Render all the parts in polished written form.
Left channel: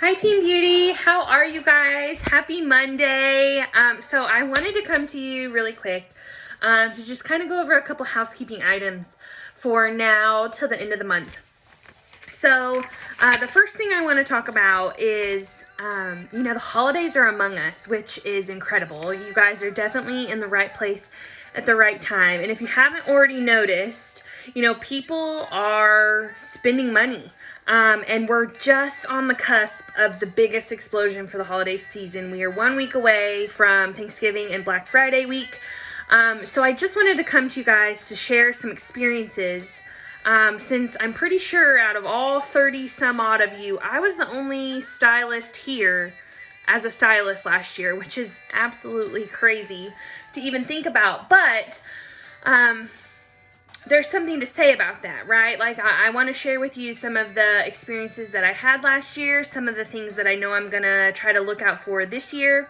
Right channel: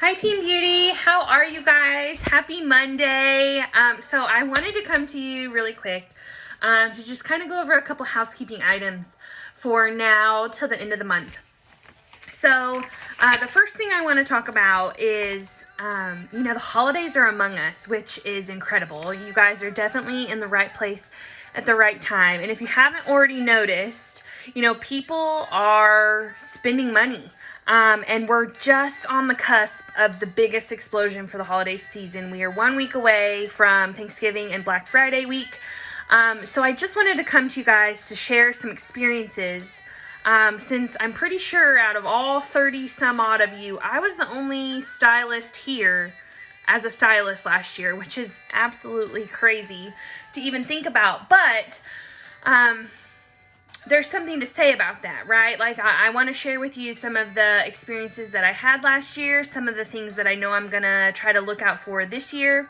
Hi Team Beauty, how are you guys? Happy Monday. So I wanted to come to you really quick to just kind of go over a couple housekeeping items for now till the end of the month. So the first thing I want to talk about is, the holidays are among us, which is incredible. You guys are definitely in the right place at the right time. And if you haven't already noticed, people are spending money. And we're just on the cusp of the biggest explosion for the holiday season. We are 1 week away from Thanksgiving and Black Friday week. So I just wanted to come to you guys to share some experiences. Since I'm pretty sure out of all 30 some odd of you, I was the only stylist here as a stylist last year, which is absolutely crazy to even think about. But there's something to say about that, right? Like, I want to share with you some of the experiences that I had last year, some of the things that I know I'm going to try to look out for this year.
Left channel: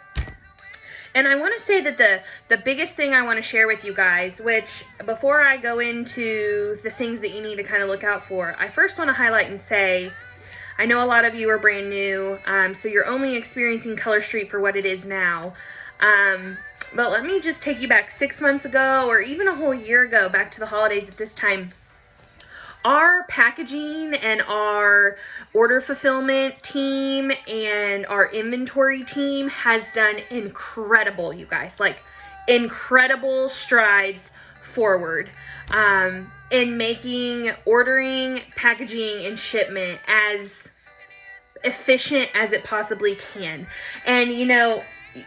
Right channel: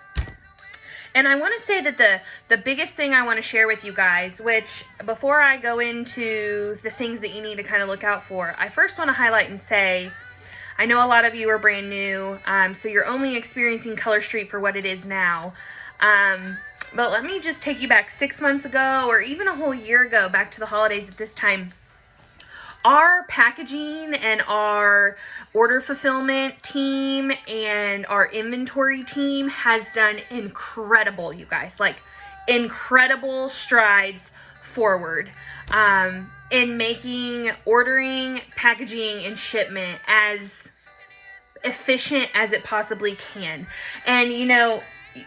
And I want to say that the biggest thing I want to share with you guys, which before I go into the things that you need to kind of look out for, I first want to highlight and say, I know a lot of you are brand new, so you're only experiencing Color Street for what it is now. But let me just take you back 6 months ago, or even a whole year ago, back to the holidays at this time. Our packaging and our order fulfillment team and our inventory team has done incredible, you guys, like incredible strides forward in making ordering, packaging, and shipment as efficient as it possibly can. And you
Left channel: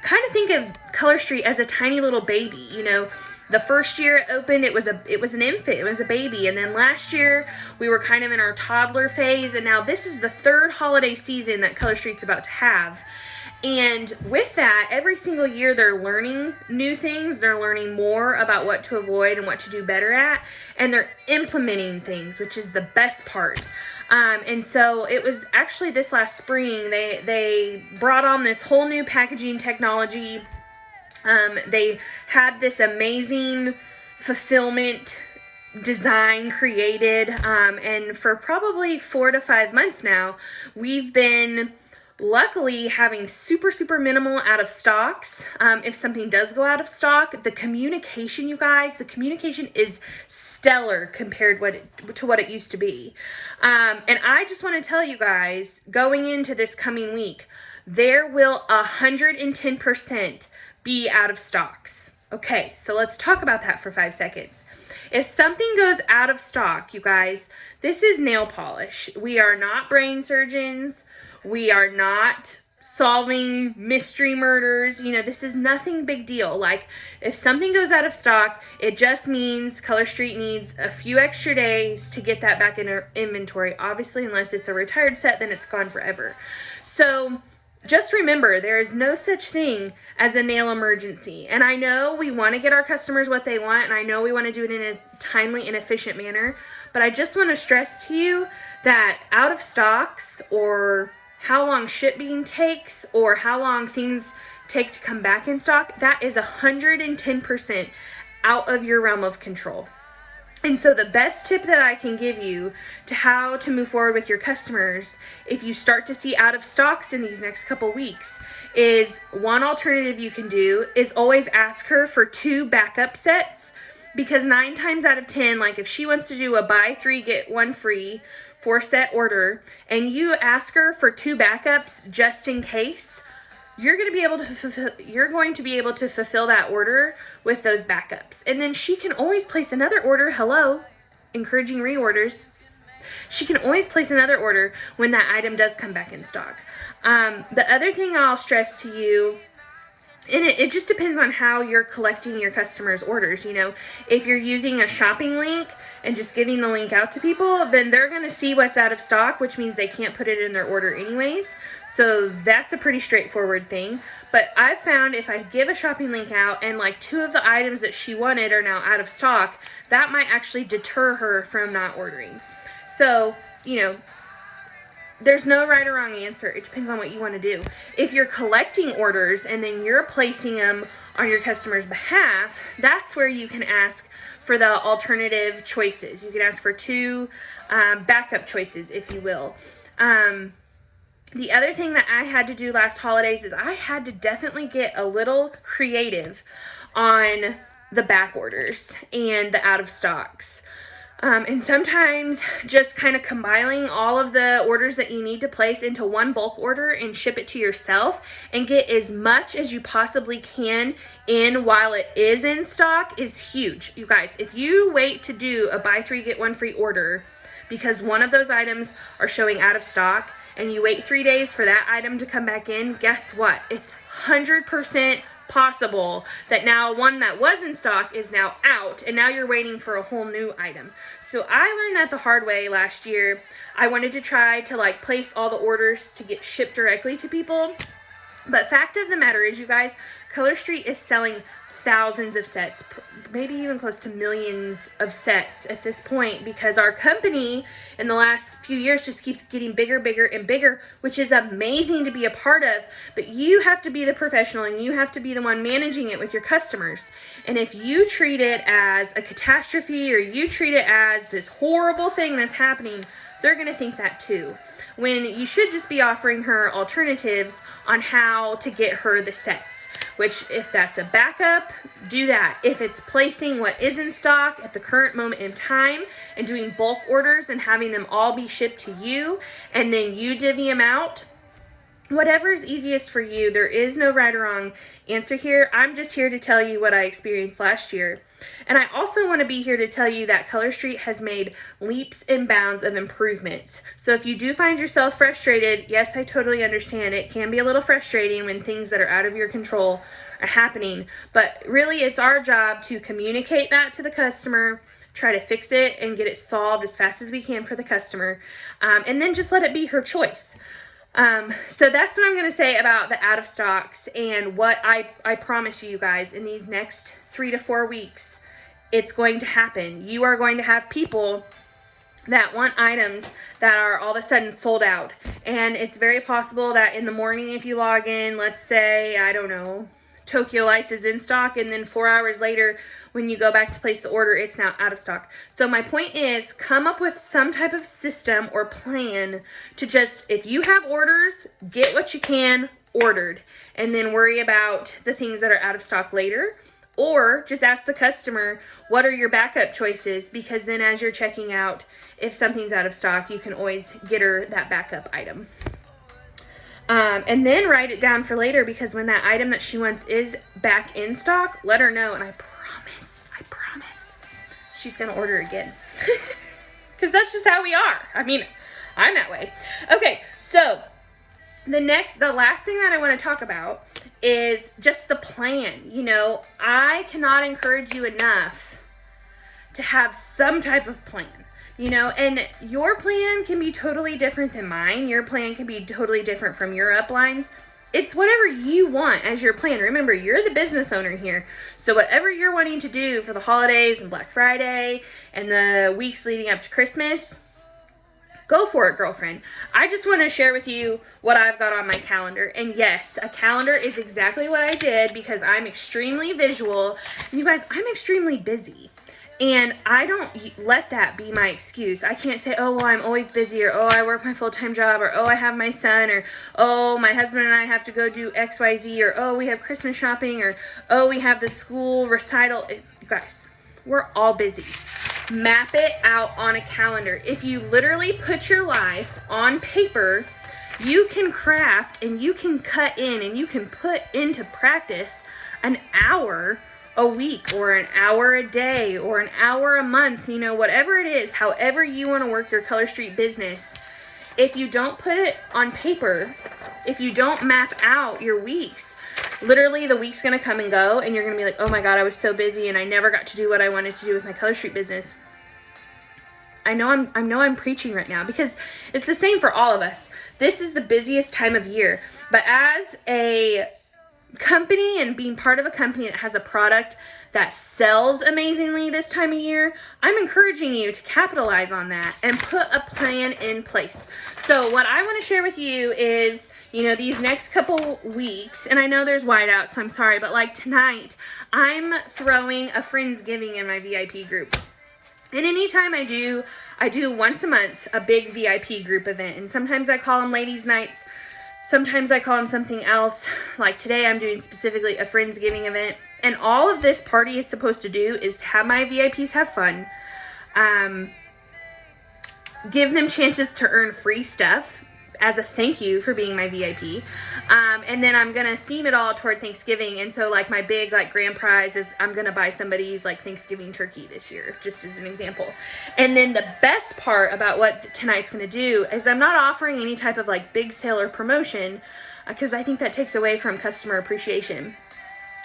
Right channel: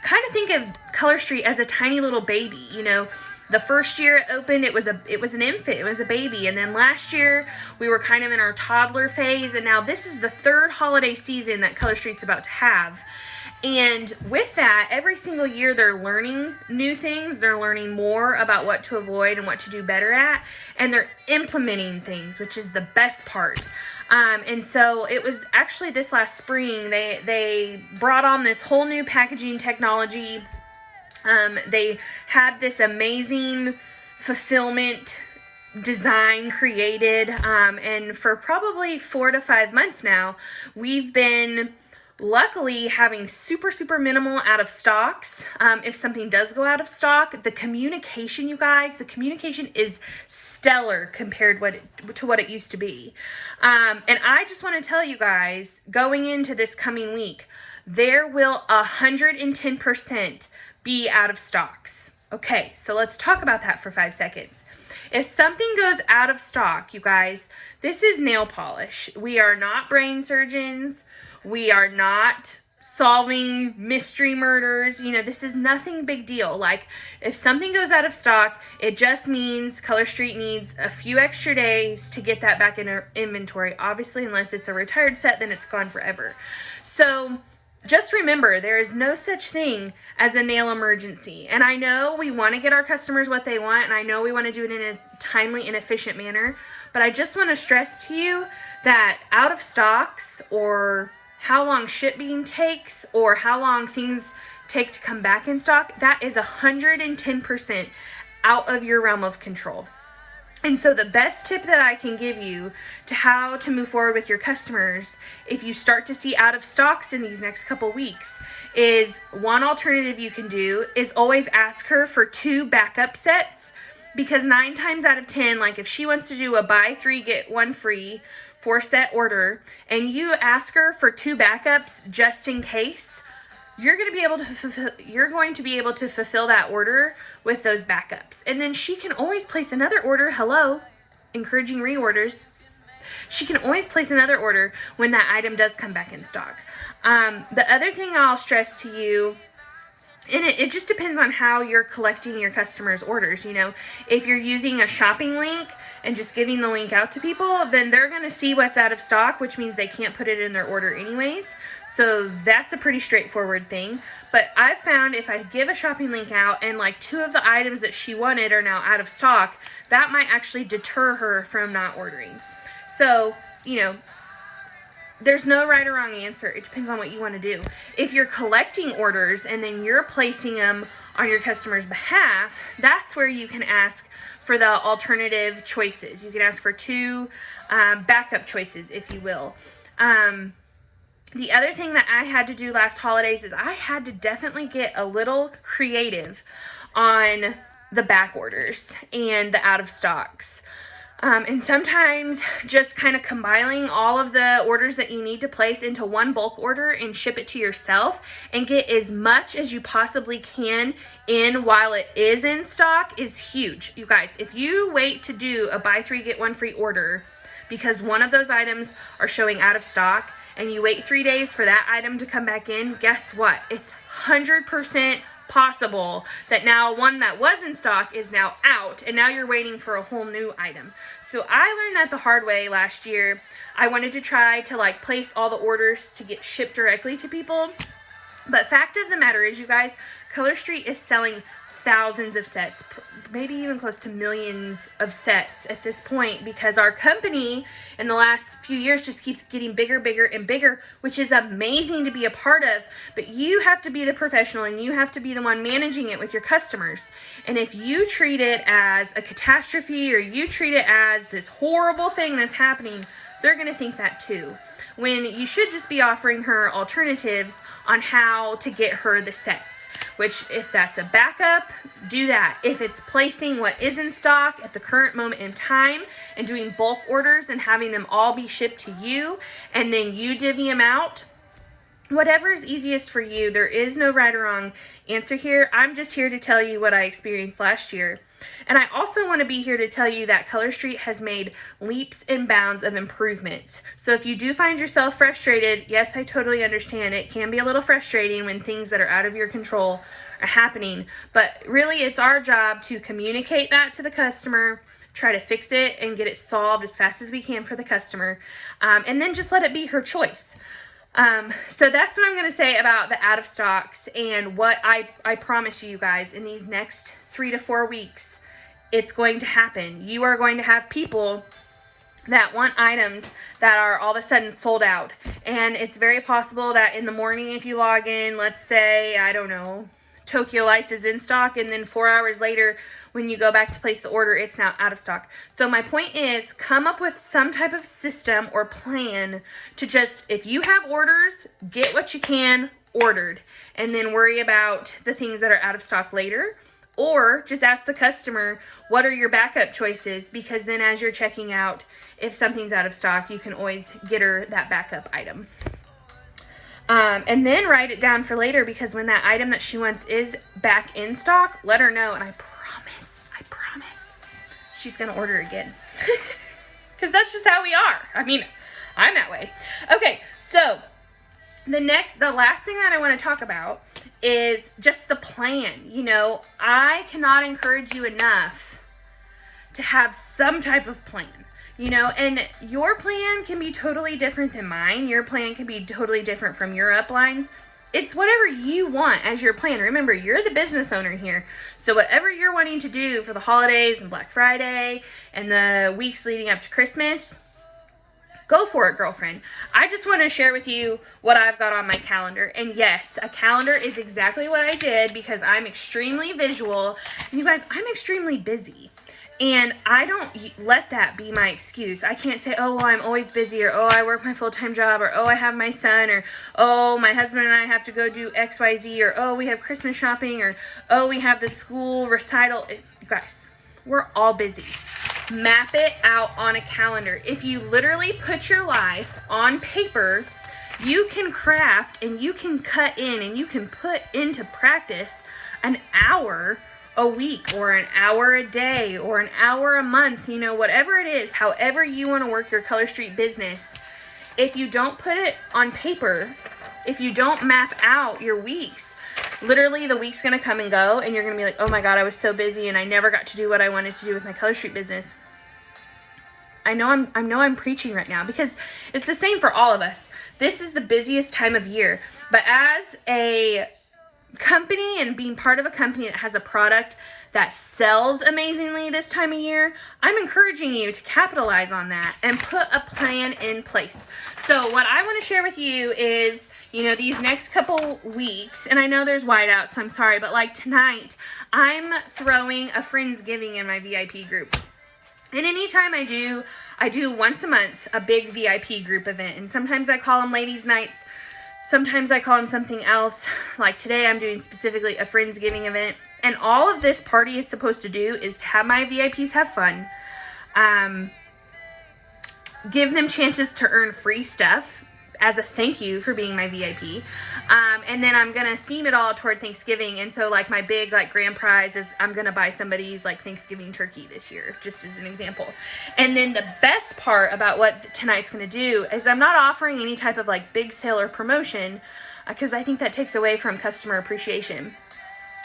kind of think of Color Street as a tiny little baby. The first year it opened, it was an infant, it was a baby. And then last year we were kind of in our toddler phase, and now this is the third holiday season that Color Street's about to have. And with that, every single year they're learning new things, they're learning more about what to avoid and what to do better at, and they're implementing things, which is the best part. And so it was actually this last spring, they brought on this whole new packaging technology. They had this amazing fulfillment design created, and for probably 4 to 5 months now, we've been luckily having super minimal out of stocks. If something does go out of stock, the communication, you guys, the communication is stellar compared to what it used to be. And I just want to tell you guys, going into this coming week, there will 110% be out of stocks. Okay, so let's talk about that for 5 seconds. If something goes out of stock, you guys, this is nail polish. We are not brain surgeons. We are not solving mystery murders. This is nothing big deal. Like, if something goes out of stock, it just means Color Street needs a few extra days to get that back in our inventory. Obviously, unless it's a retired set, then it's gone forever. So just remember, there is no such thing as a nail emergency. And I know we want to get our customers what they want, and I know we want to do it in a timely and efficient manner, but I just want to stress to you that out of stocks, or how long shipping takes, or how long things take to come back in stock, that is 110% out of your realm of control. And so the best tip that I can give you to how to move forward with your customers, if you start to see out of stocks in these next couple weeks, is one alternative you can do is always ask her for 2 backup sets, because 9 times out of 10, like if she wants to do a buy 3 get 1 free 4-set order, and you ask her for 2 backups just in case, you're going to be able to fulfill that order with those backups. And then she can always place another order. Hello, encouraging reorders. She can always place another order when that item does come back in stock. The other thing I'll stress to you, and it just depends on how you're collecting your customers' orders. If you're using a shopping link and just giving the link out to people, then they're going to see what's out of stock, which means they can't put it in their order anyways. So that's a pretty straightforward thing. But I've found if I give a shopping link out and like 2 of the items that she wanted are now out of stock, that might actually deter her from not ordering. So, there's no right or wrong answer. It depends on what you want to do. If you're collecting orders and then you're placing them on your customer's behalf, that's where you can ask for the alternative choices. You can ask for 2 backup choices, if you will. The other thing that I had to do last holidays is I had to definitely get a little creative on the back orders and the out of stocks. And sometimes just kind of compiling all of the orders that you need to place into one bulk order and ship it to yourself and get as much as you possibly can in while it is in stock is huge. You guys, if you wait to do a buy 3 get 1 free order because one of those items are showing out of stock and you wait 3 days for that item to come back in, guess what? It's 100% possible that now one that was in stock is now out and now you're waiting for a whole new item. So I learned that the hard way last year. I wanted to try to like place all the orders to get shipped directly to people. But fact of the matter is, you guys, Color Street is selling thousands of sets, maybe even close to millions of sets at this point, because our company in the last few years just keeps getting bigger, bigger, and bigger, which is amazing to be a part of. But you have to be the professional and you have to be the one managing it with your customers. And if you treat it as a catastrophe or you treat it as this horrible thing that's happening, they're going to think that too, when you should just be offering her alternatives on how to get her the sets, which if that's a backup, do that. If it's placing what is in stock at the current moment in time and doing bulk orders and having them all be shipped to you and then you divvy them out, whatever's easiest for you. There is no right or wrong answer here. I'm just here to tell you what I experienced last year. And I also want to be here to tell you that Color Street has made leaps and bounds of improvements. So if you do find yourself frustrated, yes, I totally understand. It can be a little frustrating when things that are out of your control are happening. But really, it's our job to communicate that to the customer, try to fix it and get it solved as fast as we can for the customer, and then just let it be her choice. So that's what I'm going to say about the out of stocks and what I promise you guys in these next 3 to 4 weeks, it's going to happen. You are going to have people that want items that are all of a sudden sold out. And it's very possible that in the morning, if you log in, let's say, I don't know, Tokyo Lights is in stock, and then 4 hours later, when you go back to place the order, it's now out of stock. So my point is, come up with some type of system or plan to just, if you have orders, get what you can ordered, and then worry about the things that are out of stock later. Or just ask the customer, what are your backup choices? Because then as you're checking out, if something's out of stock, you can always get her that backup item. And then write it down for later, because when that item that she wants is back in stock, let her know. And I promise, she's going to order again. Because that's just how we are. I mean, I'm that way. Okay, so the last thing that I want to talk about is just the plan. You know, I cannot encourage you enough to have some type of plan. You know, and your plan can be totally different than mine. Your plan can be totally different from your uplines. It's whatever you want as your plan. Remember, you're the business owner here. So whatever you're wanting to do for the holidays and Black Friday and the weeks leading up to Christmas, go for it, girlfriend. I just want to share with you what I've got on my calendar. And yes, a calendar is exactly what I did because I'm extremely visual. And you guys, I'm extremely busy. And I don't let that be my excuse. I can't say, oh, well, I'm always busy, or, oh, I work my full-time job, or, oh, I have my son, or, oh, my husband and I have to go do XYZ, or, oh, we have Christmas shopping, or, oh, we have the school recital. You guys, we're all busy. Map it out on a calendar. If you literally put your life on paper, you can craft and you can cut in and you can put into practice an hour a week or an hour a day or an hour a month, you know, whatever it is, however you want to work your Color Street business. If you don't put it on paper, if you don't map out your weeks, literally the week's going to come and go and you're going to be like, oh my God, I was so busy and I never got to do what I wanted to do with my Color Street business. I know I'm preaching right now because it's the same for all of us. This is the busiest time of year, but as a company and being part of a company that has a product that sells amazingly this time of year, I'm encouraging you to capitalize on that and put a plan in place. So what I want to share with you is, you know, these next couple weeks, and I know there's whiteout, so I'm sorry, but like tonight, I'm throwing a Friendsgiving in my VIP group. And anytime I do once a month a big VIP group event, and sometimes I call them ladies' nights, Sometimes I call them something else. Like today I'm doing specifically a Friendsgiving event. And all of this party is supposed to do is to have my VIPs have fun. Give them chances to earn free stuff as a thank you for being my VIP. And then I'm gonna theme it all toward Thanksgiving. And so like my big like grand prize is I'm gonna buy somebody's like Thanksgiving turkey this year, just as an example. And then the best part about what tonight's gonna do is I'm not offering any type of like big sale or promotion, because I think that takes away from customer appreciation.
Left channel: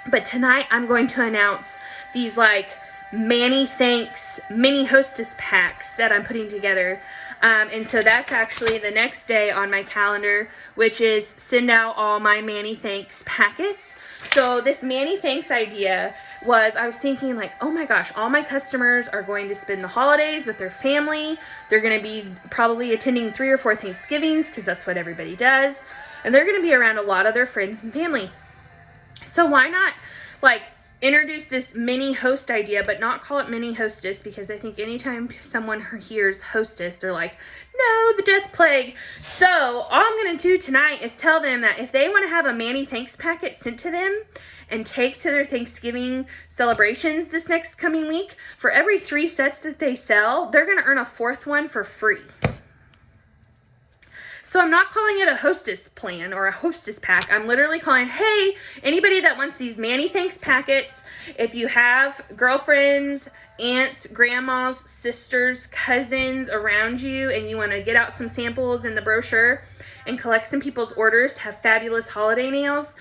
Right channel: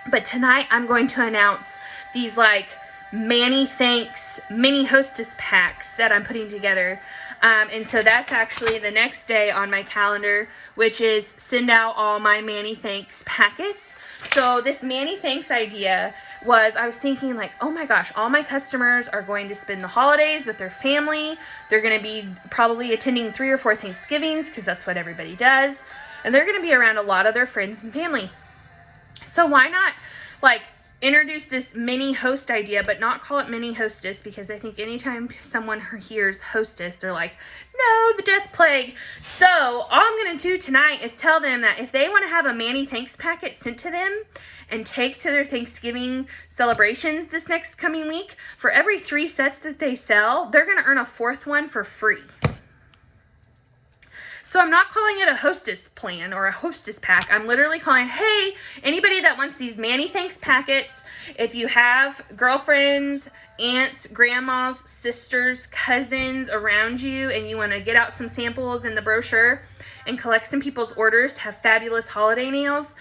But tonight I'm going to announce these like Manny Thanks mini hostess packs that I'm putting together. And so that's actually the next day on my calendar, which is send out all my Manny Thanks packets. So this Manny Thanks idea was, I was thinking like, oh my gosh, all my customers are going to spend the holidays with their family. They're going to be probably attending 3 or 4 Thanksgivings, because that's what everybody does. And they're going to be around a lot of their friends and family. So why not like introduce this mini host idea, but not call it mini hostess, because I think anytime someone hears hostess, they're like, no, the death plague. So all I'm going to do tonight is tell them that if they want to have a Manny Thanks packet sent to them and take to their Thanksgiving celebrations this next coming week, for every 3 sets that they sell, they're going to earn a 4th one for free. So I'm not calling it a hostess plan or a hostess pack. I'm literally calling, hey, anybody that wants these Manny Thanks packets, if you have girlfriends, aunts, grandmas, sisters, cousins around you, and you want to get out some samples in the brochure and collect some people's orders to have fabulous holiday nails,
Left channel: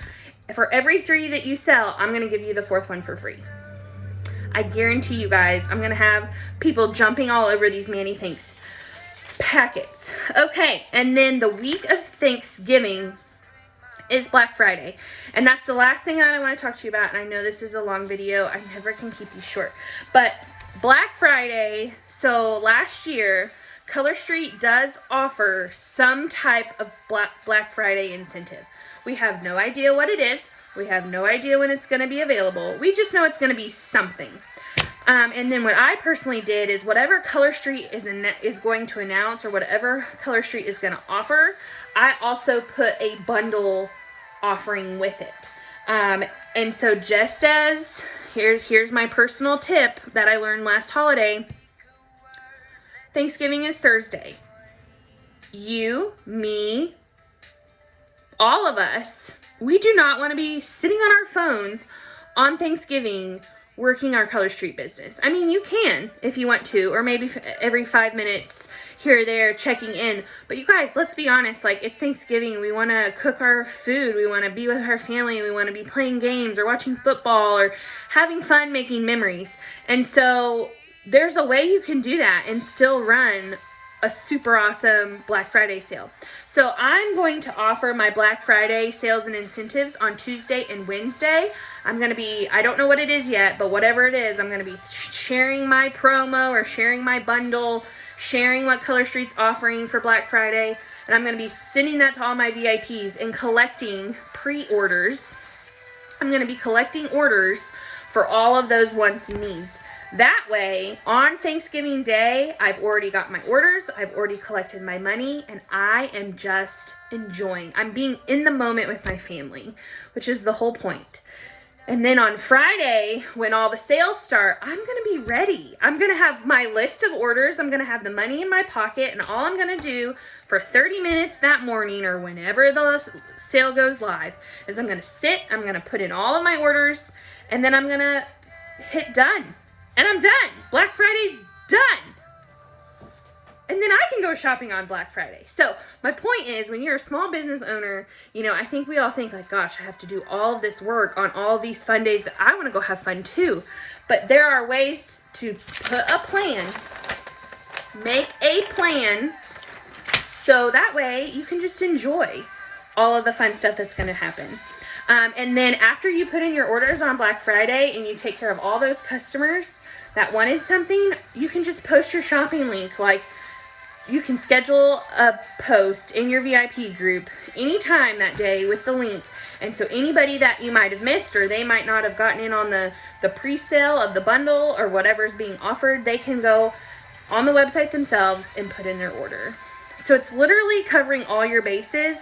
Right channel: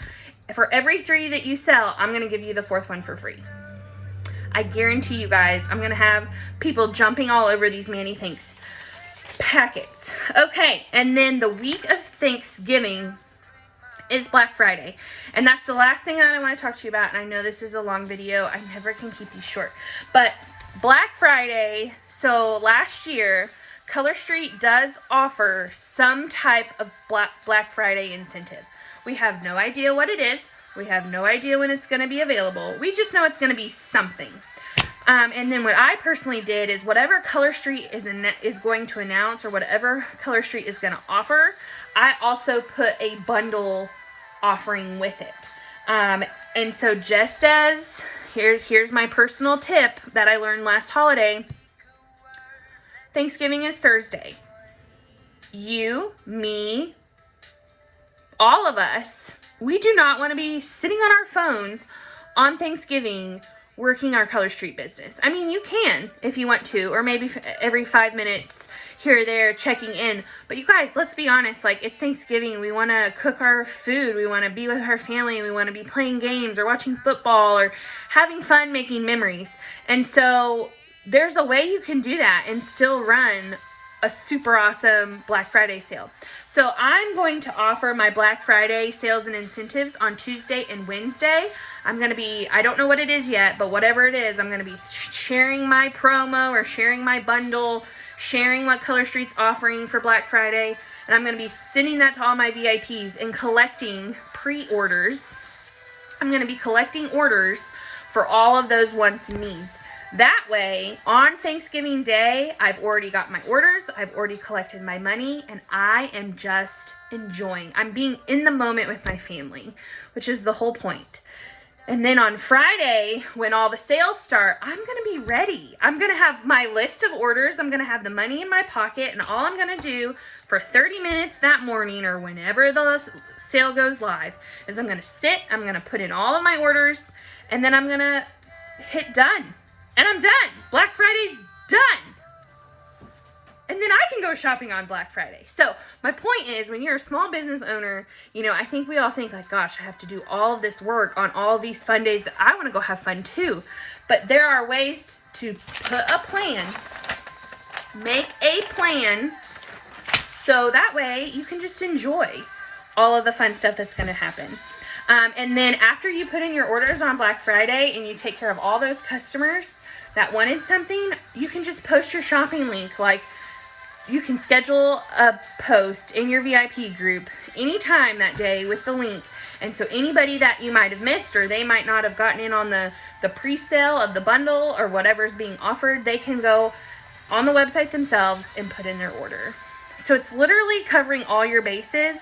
for every 3 that you sell, I'm going to give you the 4th one for free. I guarantee you guys, I'm going to have people jumping all over these Manny Thanks packets. Okay, and then the week of Thanksgiving is Black Friday, and that's the last thing that I want to talk to you about. And I know this is a long video, I never can keep these short, but Black Friday, so last year Color Street does offer some type of Black Friday incentive. We have no idea what it is, we have no idea when it's going to be available, we just know it's going to be something. And then what I personally did is whatever Color Street is going to announce, or whatever Color Street is going to offer, I also put a bundle offering with it. And so just as, here's my personal tip that I learned last holiday. Thanksgiving is Thursday. You, me, all of us, we do not want to be sitting on our phones on Thanksgiving working our Color Street business. I mean, you can if you want to, or maybe every 5 minutes here or there checking in. But you guys, let's be honest, like, it's Thanksgiving. We want to cook our food. We want to be with our family. We want to be playing games or watching football or having fun making memories. And so there's a way you can do that and still run a super awesome Black Friday sale. So I'm going to offer my Black Friday sales and incentives on Tuesday and Wednesday. I'm going to be, I don't know what it is yet, but whatever it is, I'm going to be sharing my promo or sharing my bundle, sharing what Color Street's offering for Black Friday, and I'm going to be sending that to all my VIPs and collecting pre-orders. I'm going to be collecting orders for all of those wants and needs. That way, on Thanksgiving Day, I've already got my orders, I've already collected my money, and I am just enjoying. I'm being in the moment with my family, which is the whole point. And then on Friday, when all the sales start, I'm going to be ready. I'm going to have my list of orders, I'm going to have the money in my pocket, and all I'm going to do for 30 minutes that morning or whenever the sale goes live is I'm going to sit, I'm going to put in all of my orders, and then I'm going to hit done. And I'm done. Black Friday's done. And then I can go shopping on Black Friday. So my point is, when you're a small business owner, you know, I think we all think like, gosh, I have to do all of this work on all these fun days that I want to go have fun too. But there are ways to put a plan, make a plan, so that way you can just enjoy all of the fun stuff that's going to happen. And then after you put in your orders on Black Friday and you take care of all those customers that wanted something, you can just post your shopping link. Like, you can schedule a post in your VIP group anytime that day with the link. And so anybody that you might have missed, or they might not have gotten in on the pre-sale of the bundle or whatever's being offered, they can go on the website themselves and put in their order. So it's literally covering all your bases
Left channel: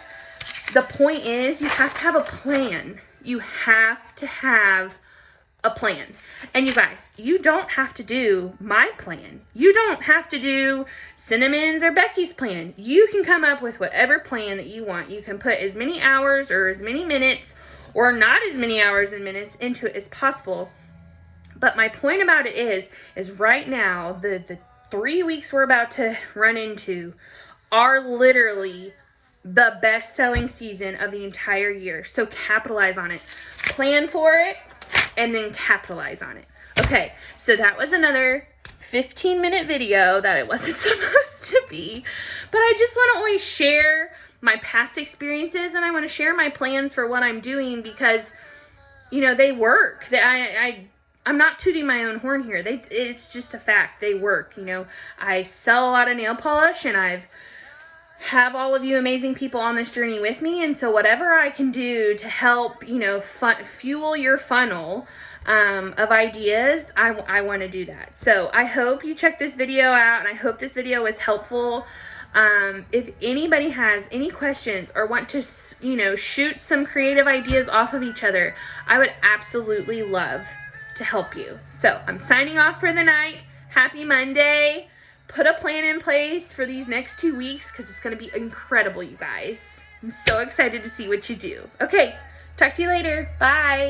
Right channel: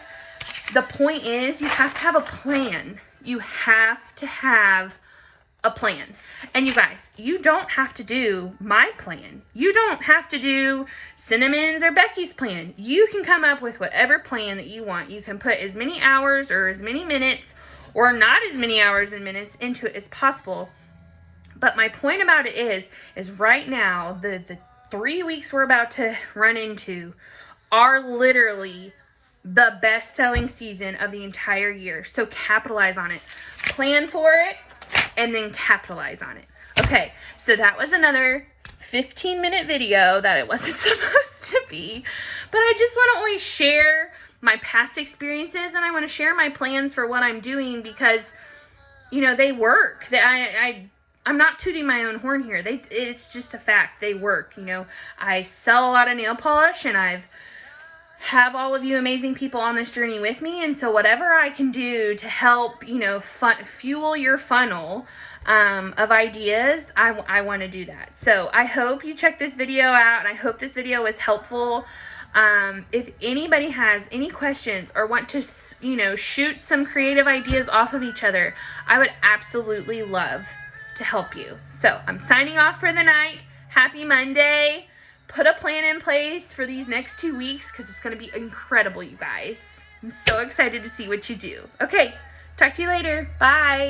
the point is you have to have a plan. You have to have a plan. And you guys, you don't have to do my plan. You don't have to do Cinnamon's or Becky's plan. You can come up with whatever plan that you want. You can put as many hours or as many minutes or not as many hours and minutes into it as possible. But my point about it is right now, the 3 weeks we're about to run into are literally the best-selling season of the entire year. So capitalize on it. Plan for it, and then capitalize on it. Okay, so that was another 15-minute video that it wasn't supposed to be. But I just want to always share my past experiences, and I want to share my plans for what I'm doing because, you know, they work. I'm not tooting my own horn here. It's just a fact. They work. You know, I sell a lot of nail polish, and have all of you amazing people on this journey with me. And so whatever I can do to help, you know, fuel your funnel of ideas, I want to do that. So I hope you check this video out, and I hope this video was helpful. If anybody has any questions or want to, you know, shoot some creative ideas off of each other, I would absolutely love to help you. So I'm signing off for the night. Happy Monday. Put a plan in place for these next 2 weeks because it's going to be incredible, you guys. I'm so excited to see what you do. Okay, talk to you later. Bye.